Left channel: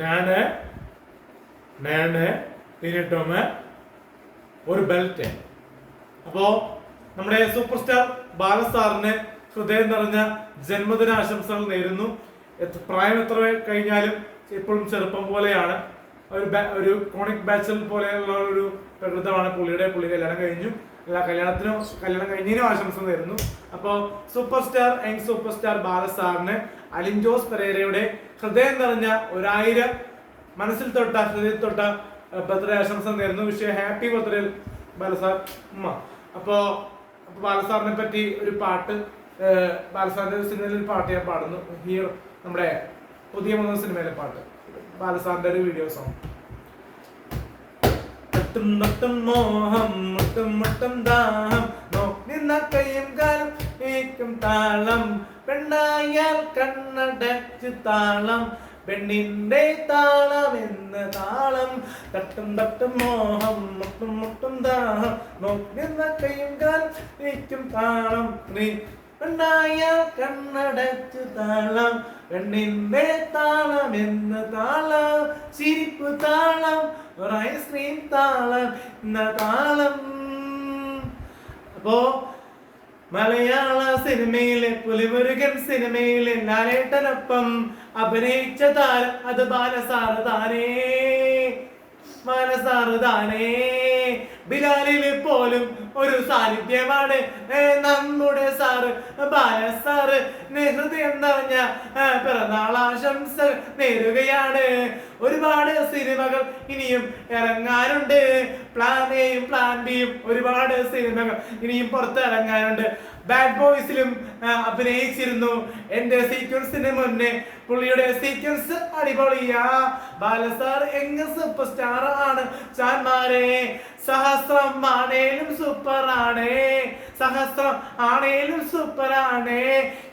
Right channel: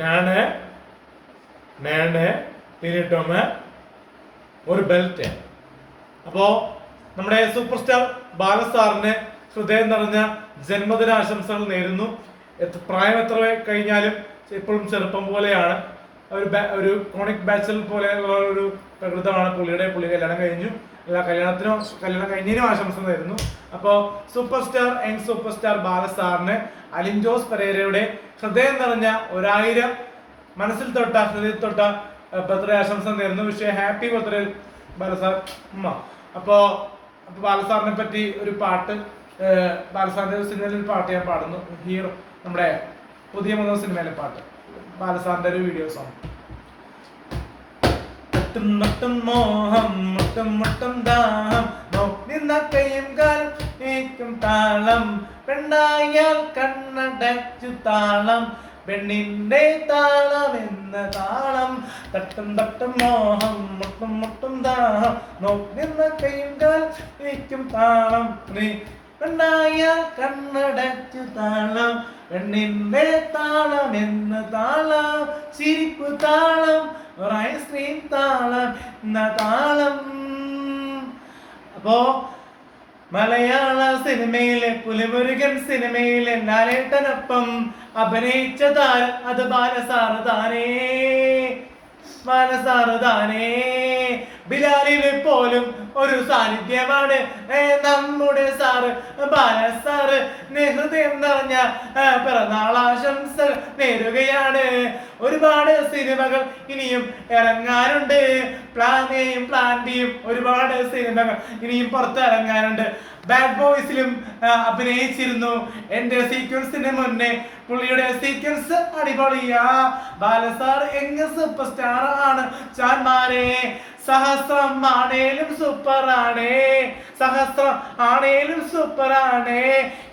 നാണ് നാണ് പിന്നിട്ടോമ് ഒരു ബെൽറ്റ്. അപ്പോ നമ്മുടെ സൂപ്പർ സ്റ്റാർ ബാലസാറിന് ഹൃദയം നിറഞ്ഞ ജന്മദിനാശംസകൾ നേരുന്നു. പ്രായം എത്ര കഴിഞ്ഞാലും ഇപ്പോഴും ചെറുപ്പം പോലെയാണ്. ഒരു കോണിക് ബാച്ചൽ പോലെയുള്ള ഒരു പ്രകൃതമാണ് പുള്ളി കല്യാണം കഴിഞ്ഞു. കല്യാണം കഴിഞ്ഞതിനും ആശംസ നേരുന്നു. അപ്പോൾ സൂപ്പർ സ്റ്റാർ ബാലസാറിന് അലിൻ ജോസ് പെരേരയുടെ ഹൃദയം നിറഞ്ഞ 1000 മനസ്സിൽ തൊട്ട ഹൃദയത്തിൽ തൊട്ട ബർത്ത്ഡേ ആശംസ നേരുന്നു. ഹാപ്പി ബർത്ത്ഡേ ബാലസാർ ഉമ്മ. അപ്പോ ബാലസാറിനെ പറ്റി ഒരു പാട്ട്, ബാലസാറിന്റെ സിനിമയിലെ ഒരു പാട്ട് ഞാൻ പാടുന്നു. ഹീറോ നമ്മുടെ പുതിയ മൂന്ന സിനിമയിലെ പാട്ട്, ബാലസാറിന്റെ ഒരു വീഡിയോ സോങ്. മോഹം മുട്ടും മുട്ടും ദാഹം നിന്ന കയ്യും കാലം ഏക്കും താളം പെണ്ണായാൽ കണ്ണടച്ചു താളം പെണ്ണിന്റെ താളം എന്ന താളം തട്ടും തട്ടും മോഹം മുട്ടും മുട്ടും ദാഹം നിന്ന കയ്യും കാലം ഏക്കും താളം നീ പെണ്ണായാൽ കണ്ണടച്ചു താളം പെണ്ണിന്റെ താളം എന്ന താളം ചിരിപ്പു താളം ഐസ്ക്രീം താളം എന്ന താളം. അപ്പോ മലയാള സിനിമയിലെ പുലിമുരുകൻ സിനിമയിലെ ലാലേട്ടനൊപ്പം അഭിനയിച്ച താരം അത് ബാലസാറ് താനേ. ബിലാലില് പോലും ഒരു സാന്നിധ്യമാണ് നമ്മുടെ സാറ് ബാലസാറ്. ഹൃദയം നിറഞ്ഞ പിറന്നാളാശംസ നേരുകയാണ്. ഒരുപാട് സിനിമകൾ ഇനിയും ഇറങ്ങാനുണ്ട്. പ്ലാൻ എയും പ്ലാൻ ബിയും ഒരുപാട് സിനിമകൾ ഇനിയും പുറത്തിറങ്ങാനുണ്ട്. ബാഡ് ബോയ്സിലും അഭിനയിച്ചിരുന്നു. എന്റെ സീക്വൻസിന് മുന്നേ പുള്ളിയുടെ സീക്വൻസ് അടിപൊളിയാ. ബാലസാർ എങ്ങ് സൂപ്പർ സ്റ്റാർ ആണ് ചാൻമാരെ. സഹസ്രം ആണേലും സൂപ്പർ ആണേ, സഹസ്രം ആണേലും സൂപ്പർ ആണേ,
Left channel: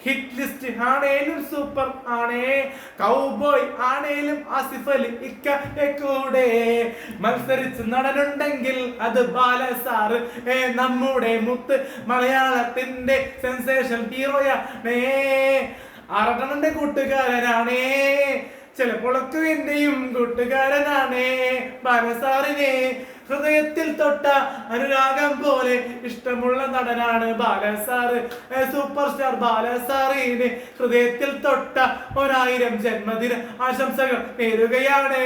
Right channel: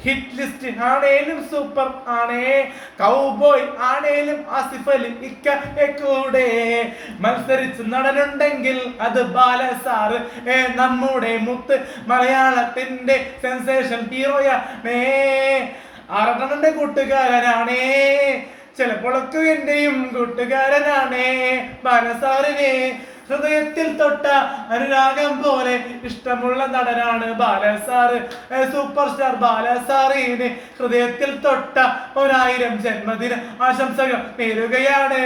ഹിറ്റ് ലിസ്റ്റ് ആണേലും സൂപ്പർ ആണേ, കൗബോയ് ആണേലും ആസിഫ് അലി ഇക്ക കൂടെ മത്സരിച്ച് നടനുണ്ടെങ്കിൽ അത് ബാലസാർ. നമ്മുടെ മുത്ത് മലയാളത്തിന്റെ സെൻസേഷൻ ഹീറോയാണേ. അറകണന്റെ കൂട്ടുകാരനാണേ, ചിലപ്പോഴൊക്കെ എന്റെയും കൂട്ടുകാരനാണേ. ബാലസാറിനെ ഹൃദയത്തിൽ തൊട്ട അനുരാഗം പോലെ ഇഷ്ടമുള്ള നടനാണ് ബാലസാർ. സൂപ്പർ സ്റ്റാർ ബാലസാറിന് ഹൃദയത്തിൽ തൊട്ട 1000 ജന്മദിന ആശംസകൾ നേരുകയാണ്.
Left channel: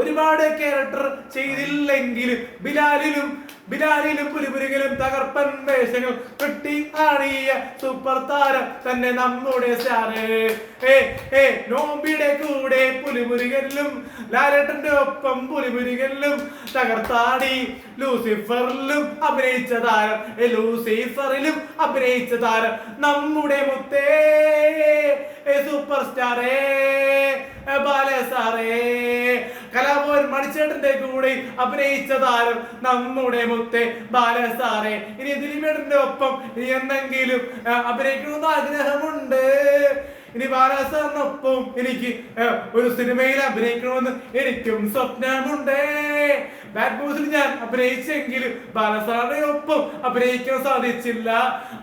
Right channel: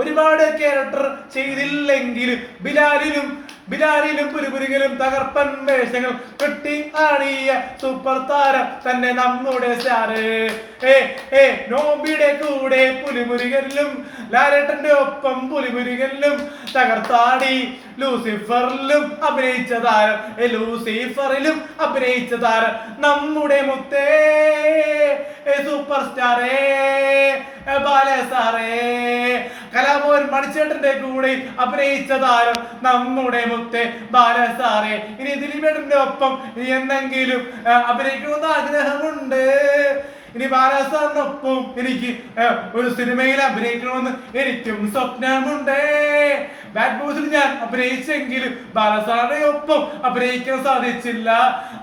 ഒരുപാട് ക്യാരക്ടർ ചെയ്തില്ലെങ്കിലും ബിലാലിലും പുലിമുരുകനും തകർപ്പൻ വേഷങ്ങൾ കെട്ടി ആടിയ സൂപ്പർ താരം തന്നെ നമ്മുടെ സ്റ്റാറ്. നോബിയുടെ കൂടെ പുലിമുരുകനിലും ലാലേട്ടന്റെ ഒപ്പം പുലിമുരുകനിലും തകർത്താടി. ലൂസിഫറിലും അഭിനയിച്ച താരം നമ്മുടെ മുത്തേ സൂപ്പർ സ്റ്റാറേ ബാലസാറേ. കലാഭവൻ മണിച്ചേട്ടന്റെ കൂടെ അഭിനയിച്ച താരം നമ്മുടെ മുത്തേ ബാലസാറേ. ഇനി ദിലീപേട്ടന്റെ ഒപ്പം എന്തെങ്കിലും അഭിനയിക്കണമെന്ന് ആഗ്രഹമുണ്ട്. ഇനി ബാലസാറിനൊപ്പം എനിക്ക് ഒരു സിനിമയിൽ അഭിനയിക്കണമെന്ന് എനിക്കും സ്വപ്നമുണ്ട്. ബാഡ് ബോയ്സിൽ ഞാൻ അഭിനയിച്ചെങ്കിലും ബാലസാറിന്റെ ഒപ്പം അഭിനയിക്കാൻ സാധിച്ചില്ല.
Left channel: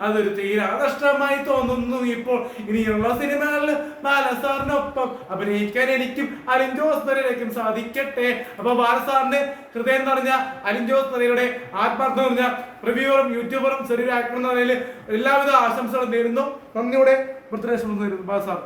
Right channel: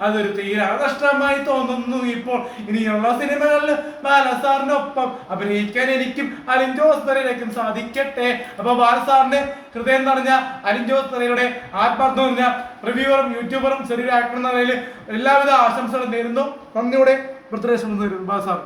അതൊരു തീരാ നഷ്ടമായി തോന്നുന്നു ഇപ്പോൾ. ഇനിയുള്ള സിനിമകളിൽ ബാലസാറിനൊപ്പം അഭിനയിക്കാൻ എനിക്കും അലിൻ ജോസ് പെരേരയ്ക്കും സാധിക്കട്ടെ. അപ്പൊ ബാലസാറിന് ഹൃദയം നിറഞ്ഞ അലിൻ ജോസ് പെരേരയുടെ ആത്മാർത്ഥം നിറഞ്ഞ റിവ്യൂവറും യൂട്യൂബറും ചെറിയ ആക്ടർ എന്ന നിലയിൽ എല്ലാവിധ ആശംസകളും നേരുന്നു. നന്ദിയോടെ ബർത്ത്ഡേ ആശംസ നേരുന്നു ബാലസാർ.